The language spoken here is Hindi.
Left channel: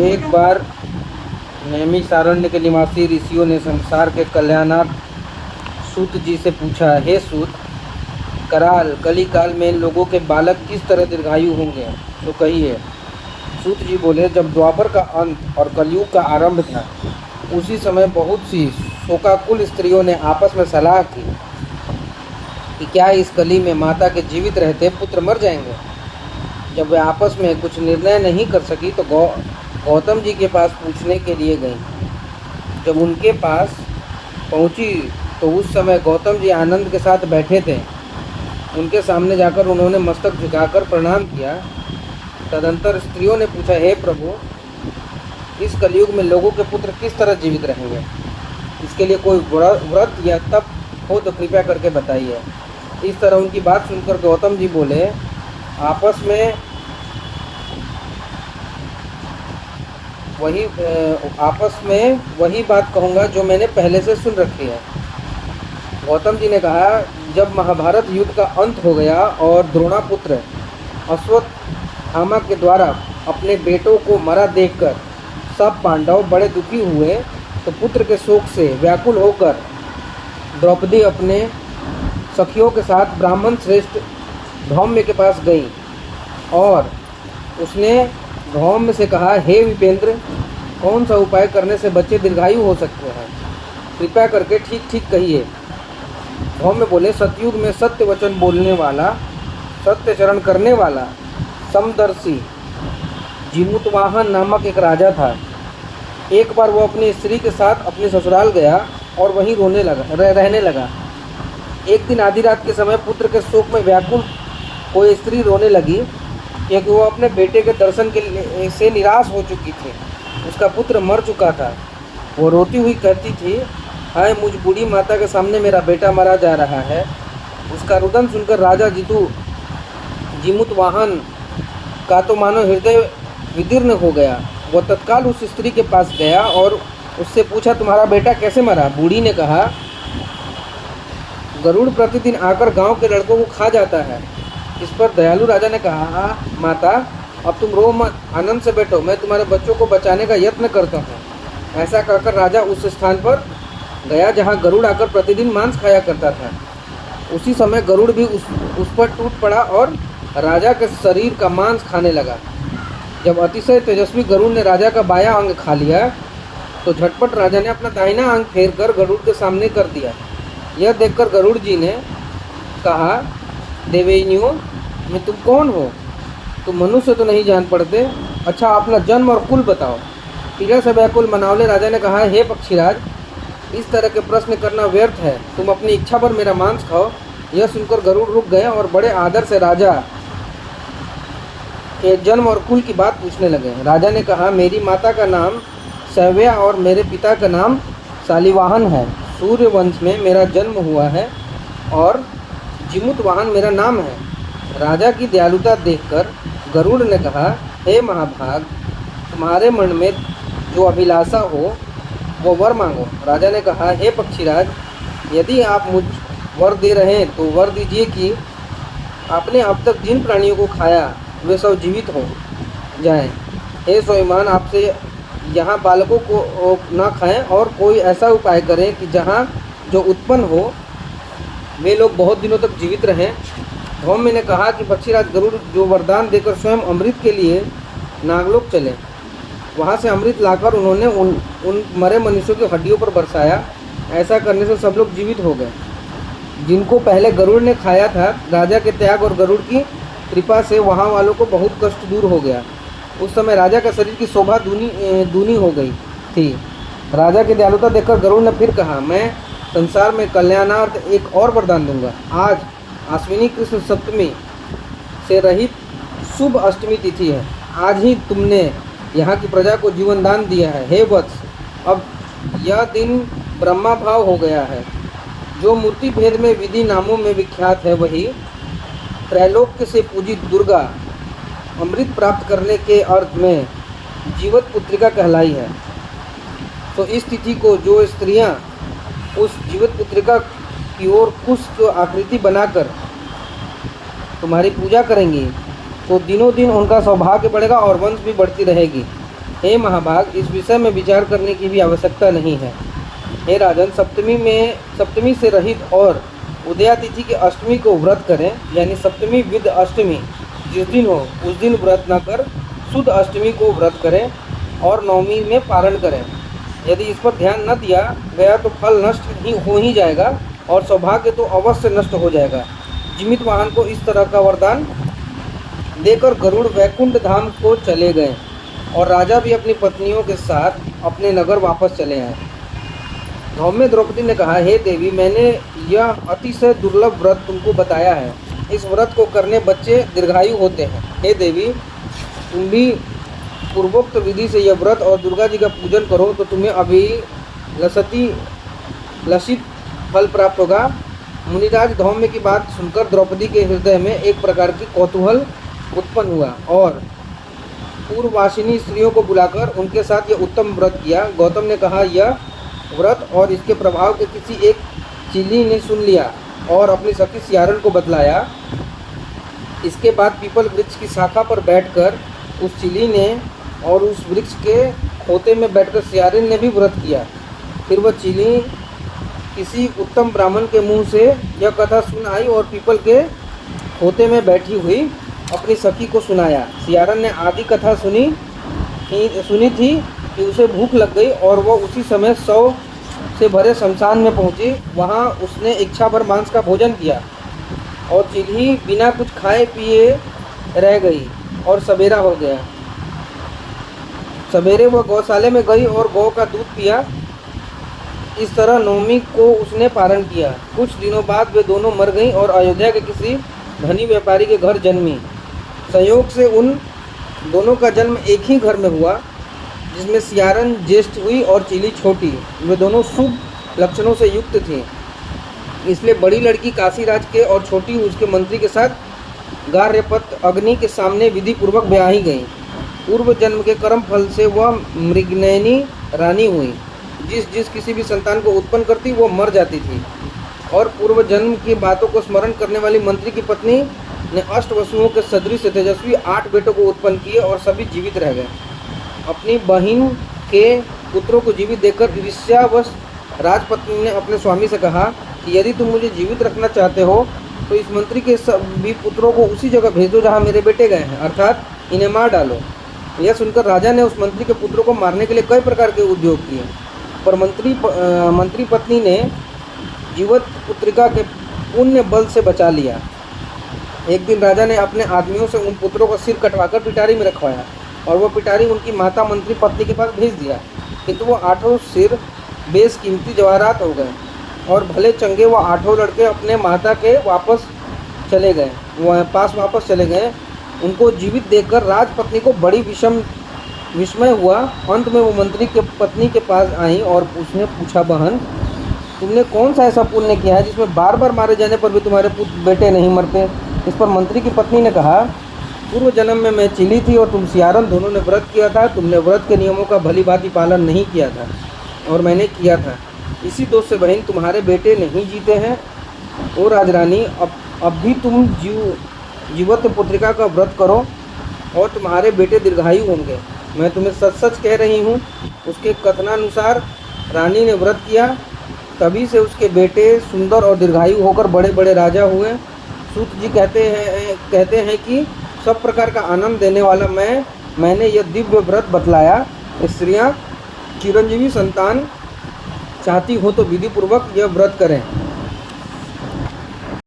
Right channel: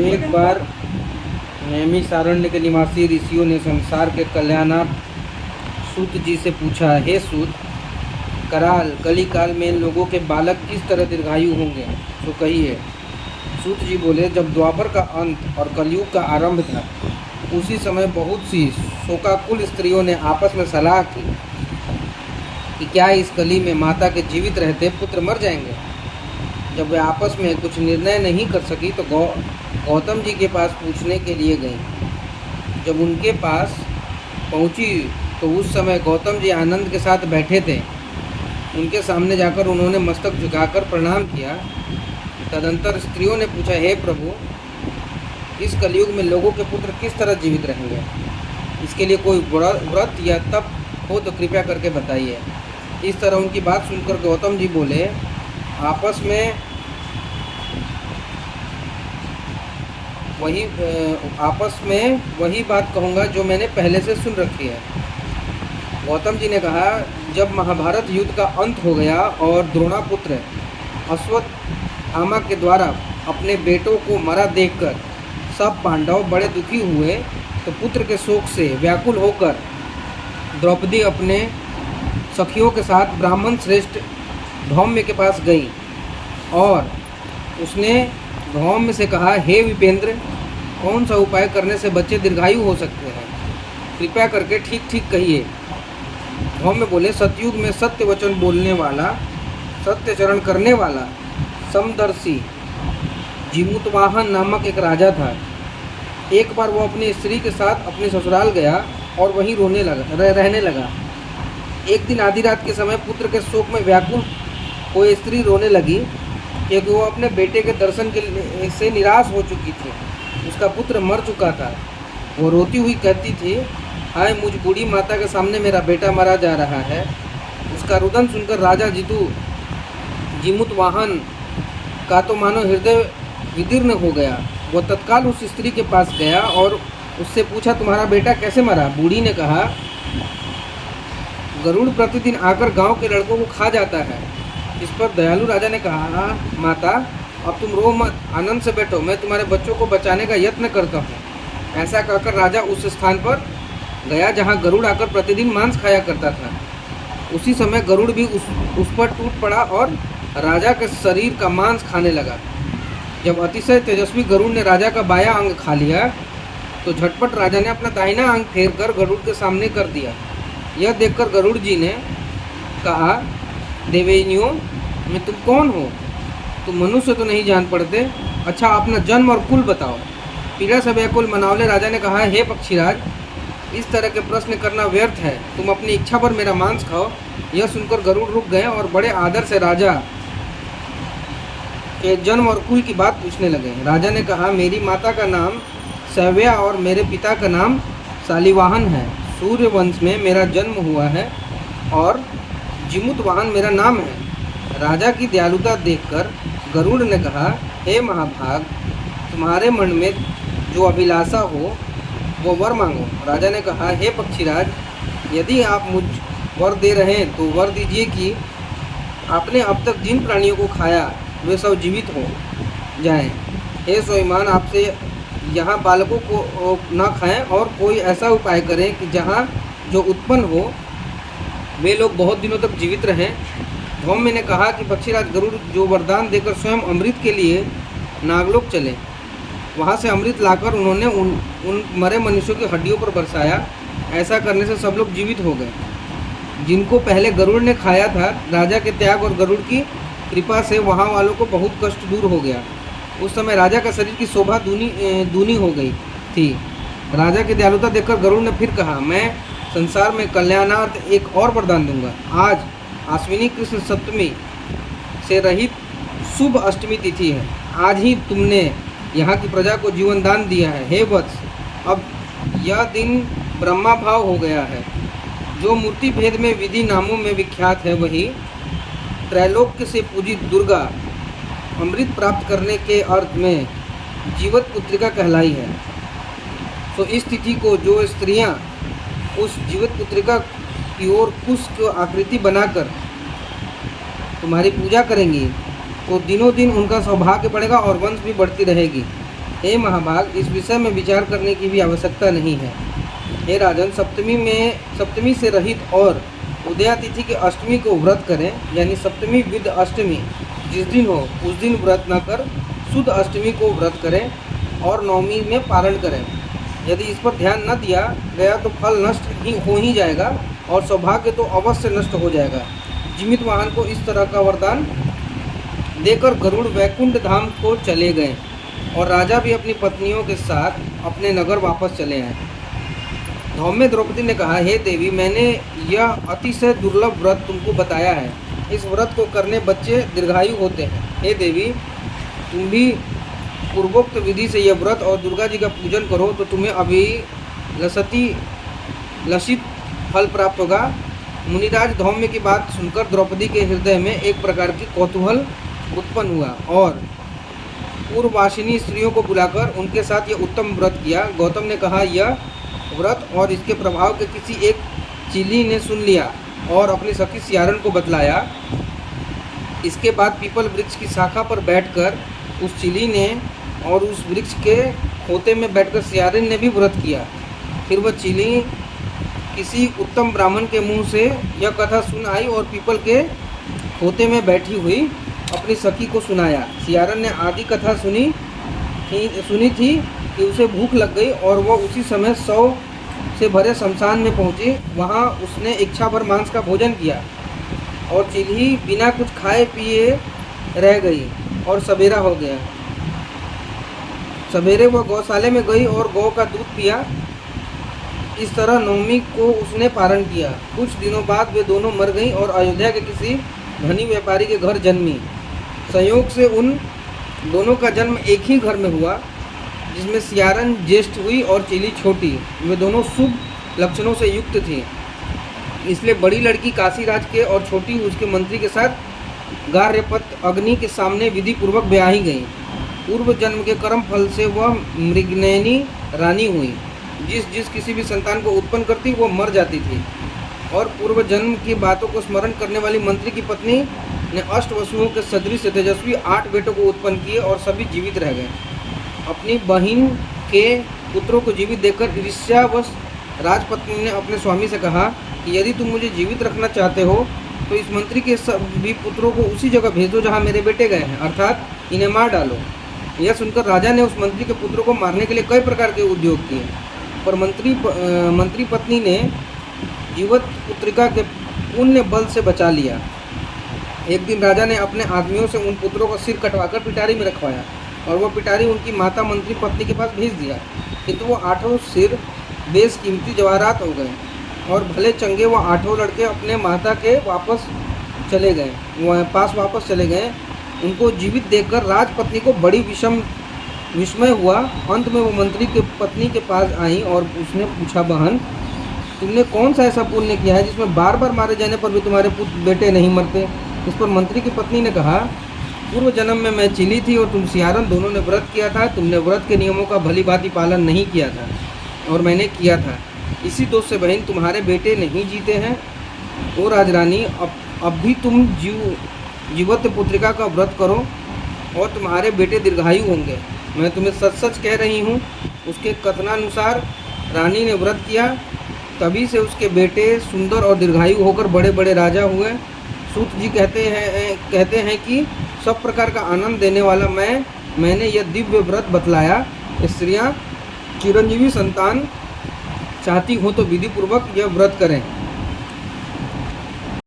एक बार नैमिषारण्य के निवासी ऋषियों ने संसार के कल्याणार्थ सूत जी से पूछा, हे सूत, कराल कली काल में लोगों के बालक किस तरह दीर्घायु होंगे, तो कहिए। सूत जी बोले, जब द्वापर का अंत और कलयुग का आरंभ था, उसी समय बहुत सी शोकाकुल स्त्रियों ने आपस में सलाह की कि क्या इस कली में माता के जीवित रहते पुत्र मर जाएंगे। जब वे आपस में कुछ निर्णय नहीं कर सकी तो गौतम जी के पास पूछने के लिए गई। जब उनके पास पहुंची तो उस समय गौतम जी आनंद के साथ बैठे थे। उनके सामने जाकर उन्होंने मस्तक झुकाकर प्रणाम किया। तदंतर स्त्रियों ने पूछा, हे प्रभु, इस कलयुग में लोगों के पुत्र किस तरह जीवित रहेंगे? इसके लिए कोई व्रत या तप हो तो कृपया करके बताइए। इस तरह उनकी बात सुनकर गौतम जी बोले, आपस में वही बात कहूँगा जो मैंने पहले से सुन रखी है। गौतम जी ने कहा, जब महाभारत युद्ध का अंत हो गया और द्रोणापुत्र अश्वत्थामा के द्वारा अपने बेटों को मरा देखकर सब पांडव बड़े दुखी हुए तो पुत्र के शोक से व्याकुल होकर द्रौपदी अपने सखियों के साथ ब्राह्मण श्रेष्ठ धौम्य के पास गई और उसने धौम्य से कहा, हे विपेंद्र, कौन सा उपाय करने से बच्चे दीर्घायु हो सकते हैं? कृपया करके ठीक ठीक कहिए। धौम्य बोले, सतयुग में सत्य वचन बोलने वाला, सत्य चरण करने वाला समदर्शी जिमुतवाहन नामक एक राजा था। एक बार वो अपनी स्त्री के साथ अपने ससुराल गया और वहीं रहने लगा। एक दिन आधी रात के समय पुत्र के शोक में व्याकुल कोई स्त्री रोने लगी क्योंकि वो अपने बेटे के दर्शन से निराश हो चुकी थी। उसका पुत्र मर चुका था। वो रोती हुई कहती थी, हाय मुझ बूढ़ी माता के सामने मेरा बेटा मरा जा रहा है। उसका रुदन सुनकर राजा जिमुतवाहन का तो मानो हृदय विदीर्ण हो गया। वो तत्काल उस स्त्री के पास गया और उससे पूछा, तुम्हारा बेटा कैसे मरा? बूढ़ी ने कहा, गरुड़ प्रतिदिन आकर गांव के लड़कों को खा जाता है। इस पर दयालु राजा ने कहा, माता अब तुम रो मत, आनंद से बैठो, मैं तुम्हारे बच्चों को बचाने का यत्न करता हूँ। ऐसा कहकर राजा उस स्थान पर गया जहाँ गरुड़ आकर प्रतिदिन मांस खाया करता था। उसी समय गरुड़ भी उस पर टूट पड़ा और राजा के शरीर का मांस खाने लगा। जब अतिशय तेजस्वी गरुड़ ने राजा का बायां अंग खा लिया तो झटपट राजा ने अपना दाहिना अंग फेर कर गरुड़ के सामने कर दिया। यह देखकर गरुड़ जी ने कहा, देवेनियों, मैं तुम कौन हो? तुम मनुष्य तो नहीं जान पड़ते। अच्छा, अपना जन्म और कुल बताओ। पीड़ा से व्याकुल मनावले राजा ने कहा, हे पक्षीराज, इस तरह के प्रश्न करना व्यर्थ है। तुम अपनी इच्छा पर मेरा मांस खाओ। यह सुनकर गरुड़ रुक गए और बड़े आदर से राजा के जन्म और कुल की बात पूछने लगे। राजा ने कहा, मेरी माता का नाम सव्या और मेरे पिता का नाम शालिवाहन है। सूर्य वंश में मेरा जन्म हुआ है और जिमुतवाहन मेरा नाम है। राजा की दयालुता देखकर गरुड़ ने कहा, हे महाभाग, तुम्हारे मन में जो अभिलाषा हो वो वर मांगो। राजा ने कहा, हे पक्षीराज, यदि आप मुझ वर दे रहे हैं तो वर दीजिए कि आपने अब तक जिन प्राणियों को खाया वे सब जीवित हो जाएं। हे स्वाभिमान, आपसे यहाँ बालकों को न खाएं और कोई ऐसा उपाय करें कि जहाँ जो उत्पन्न हो वे लोग बहुत दिनों तक जीवित रहें। धौम्य ने कहा कि पक्षीराज गरुड़ जो वरदान देकर स्वयं अमृत के लिए नागलोक चले। वहाँ से अमृत लाकर उन्होंने उन मरे मनुष्यों की हड्डियों पर बरसाया। ऐसा करने से सब लोग जीवित हो गए जिनको पहले गरुड़ ने खाया था। राजा के त्याग और गरुड़ की कृपा से वहाँ वालों को बहुत कष्ट दूर हो गया। उस समय राजा का शरीर की शोभा दूनी हो गई थी। राजा की दयालुता देखकर गरुड़ ने फिर कहा, मैं संसार में कल्याणार्थ एक और वरदान दूंगा। आज आश्विनी कृष्ण सप्तमी से रहित शुभ अष्टमी तिथि है। आज ही तुमने यहाँ की प्रजा को जीवन दान दिया है। हे वत्स, अब यह दिन ब्रह्मा भाव हो गया है। जो मूर्ति भेद में विधि नामों में विख्यात है वही त्रैलोक्य से पूजित दुर्गा अमृत प्राप्त करने के अर्थ में जीवत पुत्रिका कहलाई है। तो इस तिथि को जो स्त्रियां उस जीवित पुत्रिका की ओर कुश को आकृति बनाकर तुम्हारी पूजा करेंगी तो दिनों दिन उनका सौभाग्य बढ़ेगा और वंश भी बढ़ती रहेगी। हे महाभाग, इस विषय में विचार करने की भी आवश्यकता नहीं है। हे राजन, सप्तमी से रहित और उदयातिथि के अष्टमी को व्रत करें, यानी सप्तमी विद अष्टमी जिस दिन हो उस दिन व्रत न कर शुद्ध अष्टमी को व्रत करें और नवमी में पारण करें। यदि इस पर ध्यान न दिया गया तो फल नष्ट हो ही जाएगा और सौभाग्य तो अवश्य नष्ट हो जाएगा। जीवित वाहन को इस तरह का वरदान देकर गरुड़ वैकुंठ धाम को चले गए और राजा भी अपनी पत्नियों के साथ अपने नगर वापस चले आए। धौम्य द्रौपदी ने कहा, हे देवी, मैंने यह अतिशय दुर्लभ व्रत तुमको बताया है। इस व्रत को करने बच्चे दीर्घायु होते हैं। हे देवी, तुम भी पूर्वोक्त विधि से यह व्रत और दुर्गा जी का पूजन करो तो तुम्हें अभी लसित फल प्राप्त होगा। मुनिराज धौम्य की बात सुनकर द्रौपदी के हृदय में एक प्रकार की कौतूहल उत्पन्न हुआ और पूर्ववासिनी स्त्रियों को बुलाकर उनके साथ यह उत्तम व्रत किया। गौतम ने कहा, यह व्रत और इसके प्रभाव के किसी एक चीली ने सुन लिया और अपनी सखी सियारन को बतलाया। इसके बाद पीपल वृक्ष की शाखा पर बैठकर उस चीली ने और उस वृक्ष के खोते में बैठकर सियारन ने भी व्रत किया। फिर वह चीली किसी उत्तम ब्राह्मण के मुंह से यह कथा सुन आई और पीपल के खोते में बैठी हुई अपनी सखी को सुनाया। सियारन ने आदि कथा सुनी थी कि उसे भूख लग गई और वह उसी समय 100 से भरे शमशान में पहुंची। वहां उसने इच्छा भर मांस का भोजन किया और चीली बिना कुछ खाए पिए रह गई और सवेरा हो गया। सवेरे वह गौशाले में गई और गौ का दूध पिया। इस तरह नवमी को उसने पारण किया। कुछ दिनों बाद वे दोनों मर गईं और अयोध्या के किसी धनी व्यापारी के घर जन्मी। संयोग से उन दोनों का जन्म एक ही घर में हुआ, जिसमें सियारन ज्येष्ठ हुई और चीली छोटी। वे दोनों शुभ लक्षणों से युक्त थी, इसलिए बड़ी लड़की काशीराज के और छोटी उसके मंत्री के साथ गार्हपत्य अग्नि के सामने विधि पूर्वक ब्याही गई। पूर्व जन्म के कर्म फल से वह मृगनयनी रानी हुई। जिस किसी भी संतान को उत्पन्न करती वह मर जाती थी और पूर्व जन्म की बातों को स्मरण करने वाली मंत्री की पत्नी ने अष्टवसुओं के सदृश तेजस्वी 8 बेटों को उत्पन्न किए और सभी जीवित रह गए। अपनी बहन के पुत्रों को जीवित देखकर ईर्ष्यावश राजपत्नी ने अपने स्वामी से कहा कि यदि तुम मुझे जीवित रखना चाहते हो तो इस मंत्री के सभी पुत्रों को उसी जगह भेज दो जहाँ मेरे बेटे गए हैं, अर्थात इन्हें मार डालो। यह सुनकर राजा ने उस मंत्री के पुत्रों को मारने के लिए कई प्रकार के उद्योग किए, पर मंत्री पत्नी ने जीवित पुत्रिका के पुण्य बल से बचा लिया। एक दिन राजा ने अपने आदमियों से उन पुत्रों का सिर कटवाकर पिटारी में रखवाया और वह पिटारी उनकी माता मंत्री पत्नी के पास भेज दिया, किंतु वो 8 सिर बेशकीमती जवाहरात हो गए और भले चंगे वो 8 लड़के अपने माता के पास वापस चले गए। उनको जीवित देखकर राजपत्नी को बड़ी विस्मय हुआ। अंत में वो मंत्री के पत्नी के पास आई और उसने पूछा, बहन, तुमने कौन सा ऐसा पुण्य किया है जिसमें बार बार मारे जाने पर भी तुम्हारे बेटे नहीं मरते? इस पर मंत्री की पत्नी ने कहा, पूर्व जन्म में मैं चीली थी और तुम सियारन, दोनों ने व्रत किया था। तुमने व्रत के नियमों का भली भांति पालन नहीं किया था और मैंने किया था। इसी दोष से बहन तुम्हारे बेटे नहीं जीते हैं। ओ राजरानी, अब भी तुम जीवत पुत्रिका का व्रत करो और तुम्हारे बेटे दीर्घायु होंगे। मैं तुम्हें सच सच कह रही हूँ। उसके कथनानुसार रानी ने व्रत किया, तभी से उसके बेटे सुंदर और दीर्घायु होकर बड़े बड़े राजा हुए। सूत जी कहते हैं कि सब प्रकार का आनंद देने वाला मैंने यह दिव्य व्रत बतलाया। स्त्रियाँ चिरंजीवी संतान चाहती हो तो विधि पूर्वक यह व्रत करें।